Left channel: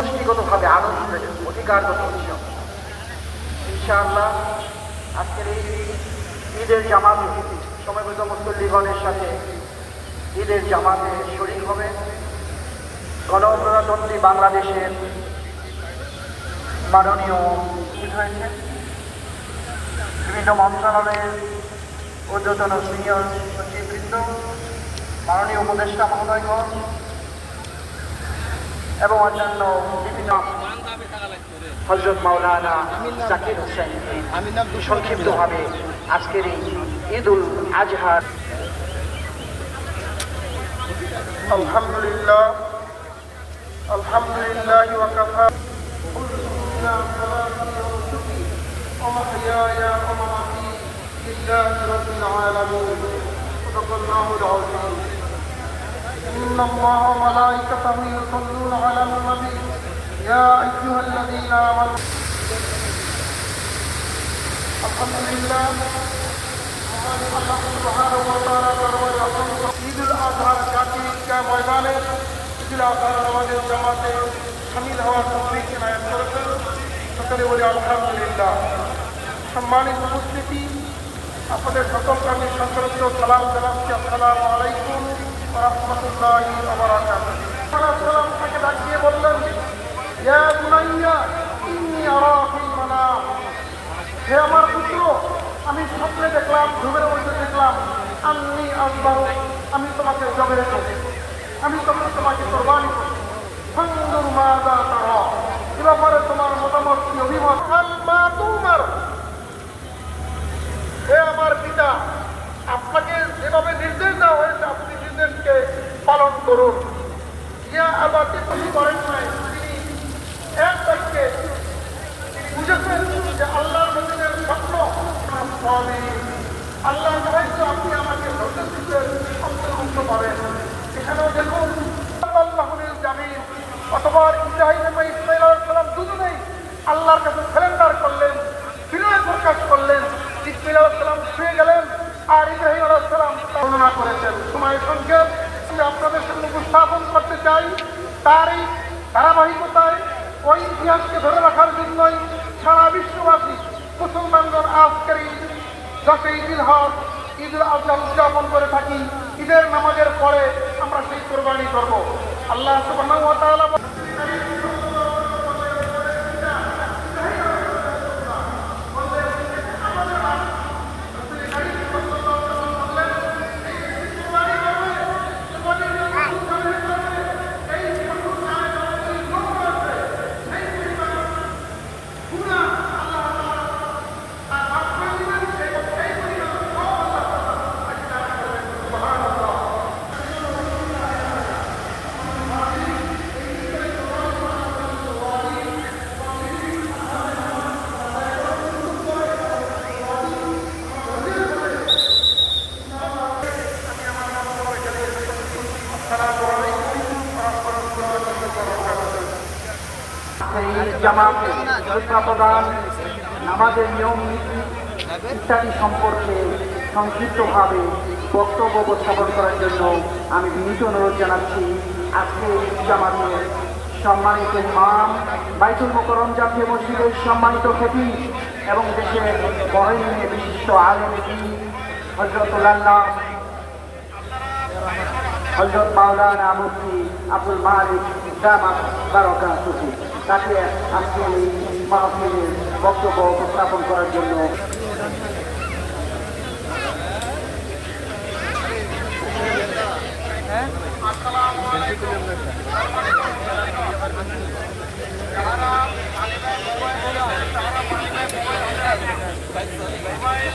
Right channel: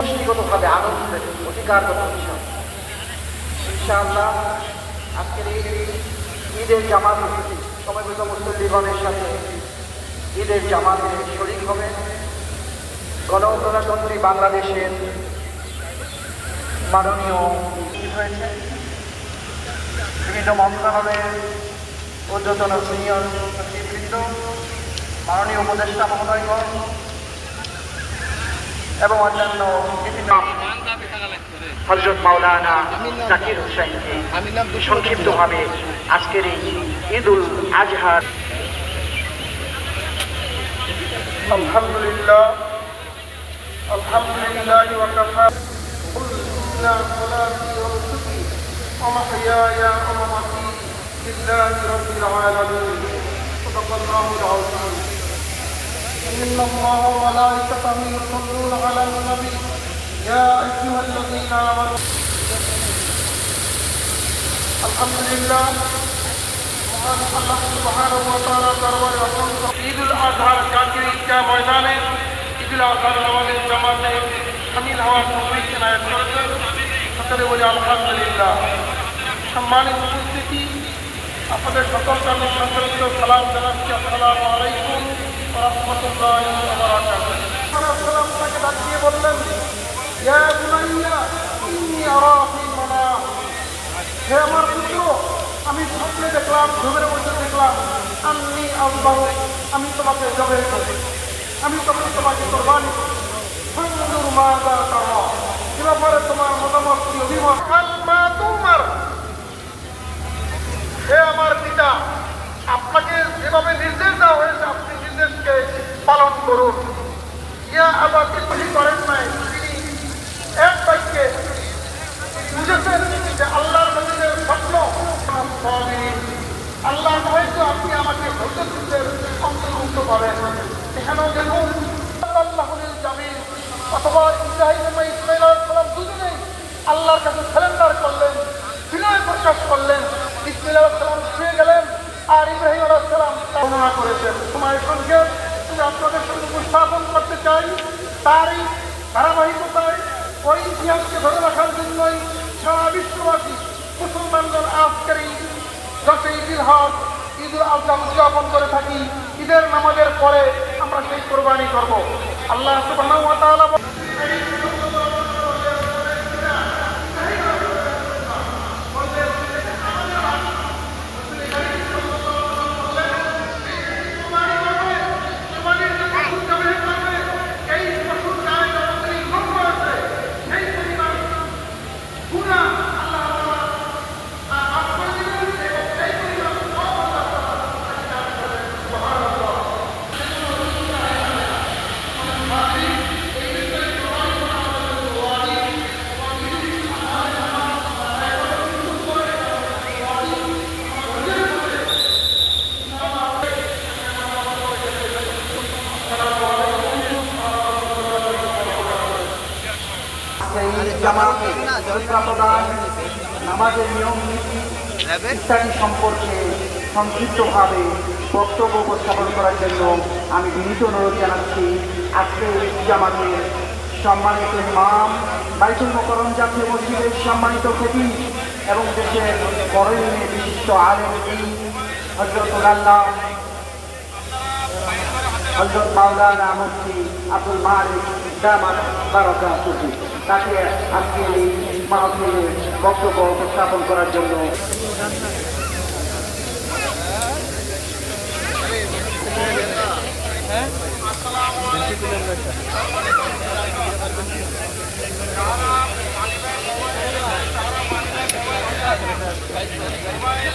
ব্যক্তিগতভাবে আনন্দের অধিকারগত বিষয় ইনশাআল্লাহ আজকের এই ঈদের জামাত সময়গত মুসল্লিগণের সাথে ঈদের জামাত শরীর হবে। গণপ্রজাতন্ত্রী বাংলাদেশের মাননীয় হয়েছে বিভিন্ন মন্ত্রণালয়ের ঊর্ধ্বতন সিনিয়র সচিববৃন্দ মাননীয় উপদেষ্টা মহোদয়গণ এবং অন্যান্য বিভিন্ন হজরত মাওলানা জাকির হোসেনকে সংক্ষিপ্তভাবে আজকের এই ঈদ উল আজহার আলহামদুলিল্লাহ আলহামদুলিল্লাহ ومحياي ومماتي لله رب العالمين صدق الله العظيم إن الله وملائكته يصلون على النبي يا أيها الذين آمنوا الحمد لله মহান আল্লাহ সুবহানাহু ওয়া তাআলা দরবারে অসংখ্য ঈদুল আজহার জাতীয় ঈদগাহ ময়দানে ঈদুল আজহার নামাজের জামাতে শামিল হওয়ার তৌফিক এনায়েত করেছেন সকলে বলি আলহামদুলিল্লাহ। সম্মানিত উপস্থিতি, আপনাদের সকলকে আমি সন্তরত্ব সালাম জানাচ্ছি। আসসালামু আলাইকুম আমি স্বপ্নে দেখলাম, ঘুমের মধ্যে দেখলাম। আমি আমি তোমাকে রেখে আমি তখন তোমাকে কোরবানি করি সুন্দর মাতা তারা পুরোপুরি তোমার মতামত কি, অভিমত? আমার পিতা, আপনাকে যেভাবে নির্দেশ দেওয়া হয়েছে, আপনি নির্দেশকে পালন করুন। ইয়া আবার কিছু করেন নাই, তিনি এক বাক্যে বুঝেছেন যে আল্লাহর নবীদের স্বপ্ন আল্লাহ হয়তো আপনি আমাকে ধৈর্যের অন্তর্ভুক্ত করেন এখানেও দেখুন আল্লাহরের জামিন অথবা ইব্রাহিম এবং ইসমাইল সালাম দুজনেই আল্লাহর কাছে সারেন্ডার করলেন, বিনয় প্রকাশ করলেন, ইসমাইল সালাম শুয়ে গেলেন আর ইব্রাহিম আলাইসালাম বর্ণনা করেছেন। সময়ের সঙ্গে আপনাদের সঙ্গে উপস্থাপন করতে চাই। তারই ধারাবাহিকতায় ওই ইতিহাসকে ধরে রাখার জন্যই সারা বিশ্ববাসী মুসলমানগণ আজকের এই দশই ঈদুল হক ঈদুল আজহা উদযাপন করে থাকি। ঈদের নামাজের পরে আমরা সেই কোরবানি করব। আল্লাহ সুবহানাহু নামাজের নিয়ম নীতি ইত্যাদি সম্পর্কে সংক্ষিপ্তভাবে বক্তব্য উপস্থাপন করার জন্য আমি বিনীত অনুরোধ জানাচ্ছি। আজকে এই জামাতের সম্মানিত ইমাম বাইতুল মোকরম জাতীয় মসজিদের সম্মানিত ক্ষতি এবং দেশের বরেণ্যে বিশিষ্ট আলম হজরতুল্লাহ হজরত মাওলানা মুফতি আব্দুল মালিক জামা বারকা তাকে আজকে এই মাহফিলে বক্তব্য উপস্থাপন করার জন্য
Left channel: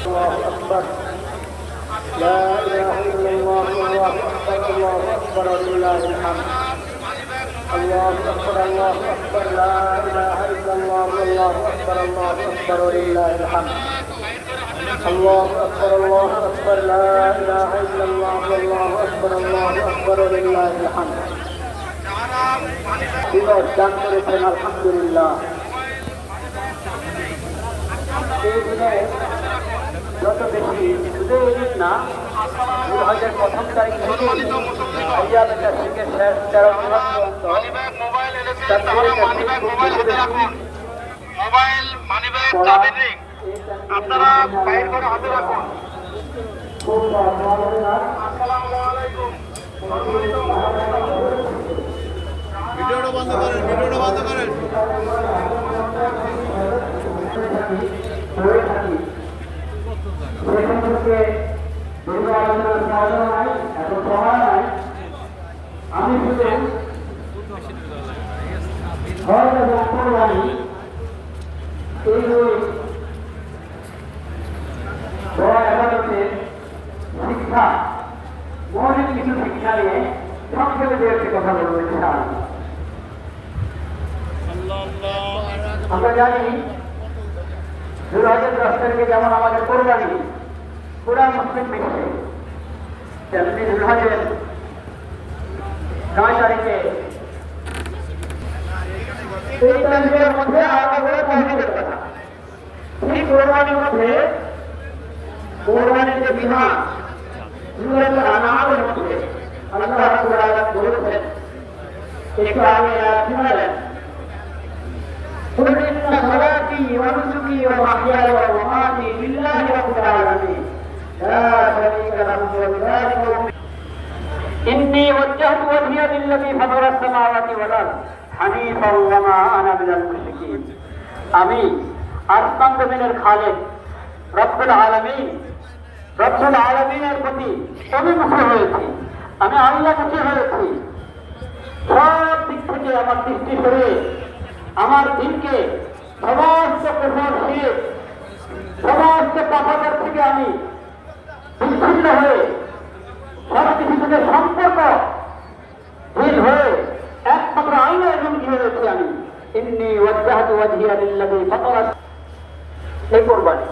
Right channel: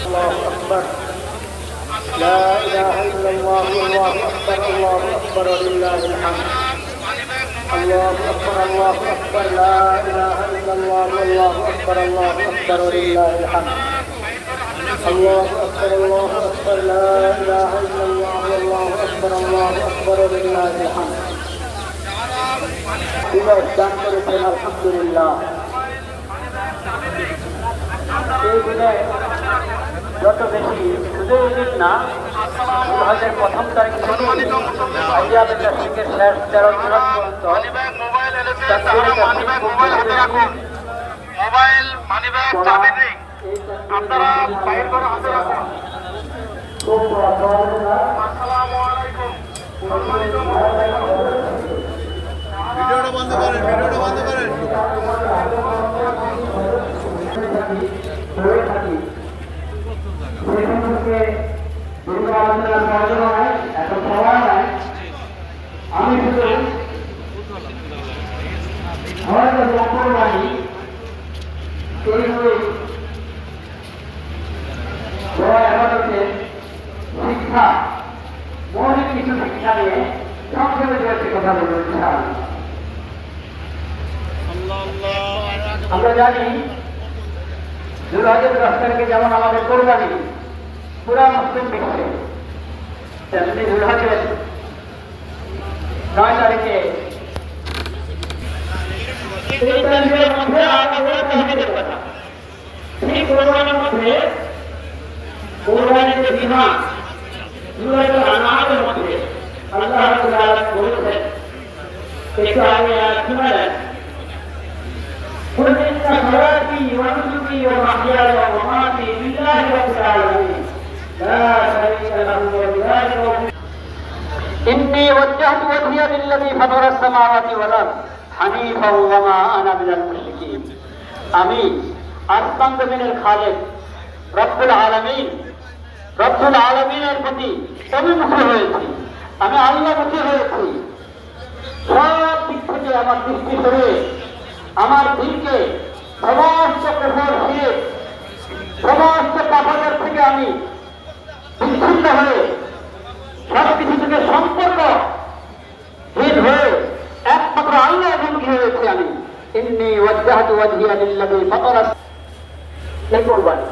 الله أكبر لا إله إلا الله الله أكبر الله أكبر ولله الحمد الله أكبر الله أكبر لا إله إلا الله والله أكبر الله أكبر ولله الحمد الله أكبر الله أكبر لا إله إلا الله والله أكبر الله أكبر ولله الحمد বিবাহ দান করেছেন আলহামদুলিল্লাহ এই দিনে যত বেশি শুধু না সম্মানিত মুসল্লিগণ যারা মানিব্যাগ মোবাইল এনেছে তারা মানিব্যাগ মোবাইল হাতে রাখুন মোবাইল মানিব্যাগ চাবি রিং আপনারা বাইর করে হাতে রাখুন আসসালামু আলাইকুম সম্মানিত ভিডিওটা বন্ধ করেন ভিডিওটা বন্ধ করেন করে থাকি আমি শুধু যারা একাদশের শিক্ষা, মৌলিক কিছু শিক্ষা নিয়ে সংক্ষেপে দু কথা বলব আমরা জানি হাজার দশ যেমন আমাদের কোরবানি, পুরা মুসলিম বিশ্বে তেমনি দুই হাজার নয় তারিখে এই তারিখের মধ্যে আলাদা করে তাহমিদের কথা সেই কোরবানির মধ্যে কোরবানির যে বিধান দুই আনামের মধ্যে আল্লাহ রাব্বুল আলামিন বলেছেন একটু আগে শুনালেন قل إن صلاتي ونسكي ومحياي إني وجهت وجهي للذي فطر السماوات والأرض حنيفا وما أنا من المشركين আমি আসমান জমিনের খালেক রব্বুল আলমিন রব্বুল আলমিনের প্রতি অভিমুখী হয়েছি আমি আল্লাহমুখী হয়েছি সব দিক থেকে আমার দৃষ্টি সরে আমার দিনকে সমস্ত কুফর দিয়ে সমস্ত পাপাদের থেকে আমি বিচ্ছিন্ন হয়ে কিছু সম্পর্ক। হীন হয়ে একমাত্র আল্লাহ অভিমুখী হয়েছি আমি। এমনি ওয়াজ্জাহাতু ওয়াজহিয়া লিল্লাযী ফাতারা। সেই কোরবানি।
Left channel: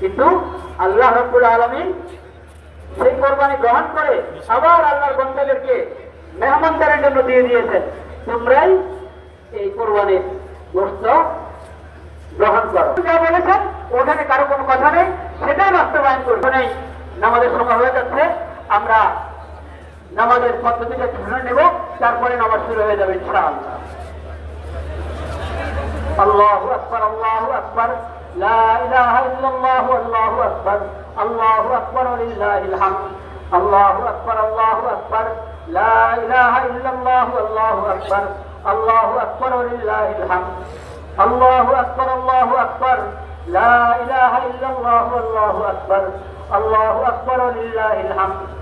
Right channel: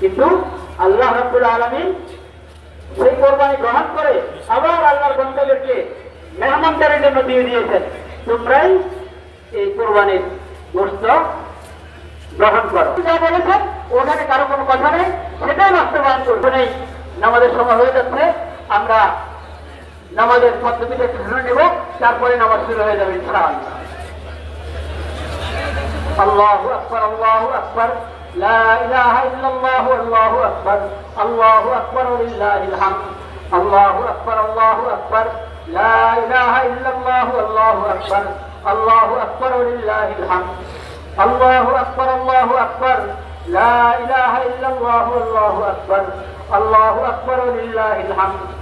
কিন্তু আল্লাহ রাব্বুল আলামিন সেই কোরবানি গ্রহণ করে আবার আল্লাহর বন্ধাদেরকে মেহমানদারের জন্য দিয়ে দিয়েছেন। তোমরাই এই কোরবানির গোস্ত গ্রহণ করো। যা বলেছেন, ওখানে কারও কোনো কথা নেই, সেটাই বাস্তবায়ন করবে নেই। নামাজের সময় হয়ে যাচ্ছে। নামাজের পদ্ধতিটা ধরে নেব, তারপরে নামাজ শুরু হয়ে যাবে ইনশাল আল্লাহু আকবার আল্লাহু আকবার। লা ইলাহা ইল্লাল্লাহু, আল্লাহু আকবার। আল্লাহু আকবার লিল্লাহিল হামদ আল্লাহু আকবার আল্লাহু আকবার। লা ইলাহা ইল্লাল্লাহু, আল্লাহু আকবার। আল্লাহু আকবার লিল্লাহিল হামদ আল্লাহু আকবার আল্লাহু আকবার। লা ইলাহা ইল্লাল্লাহু, আল্লাহু আকবার। আল্লাহু আকবার লিল্লাহিল হামদ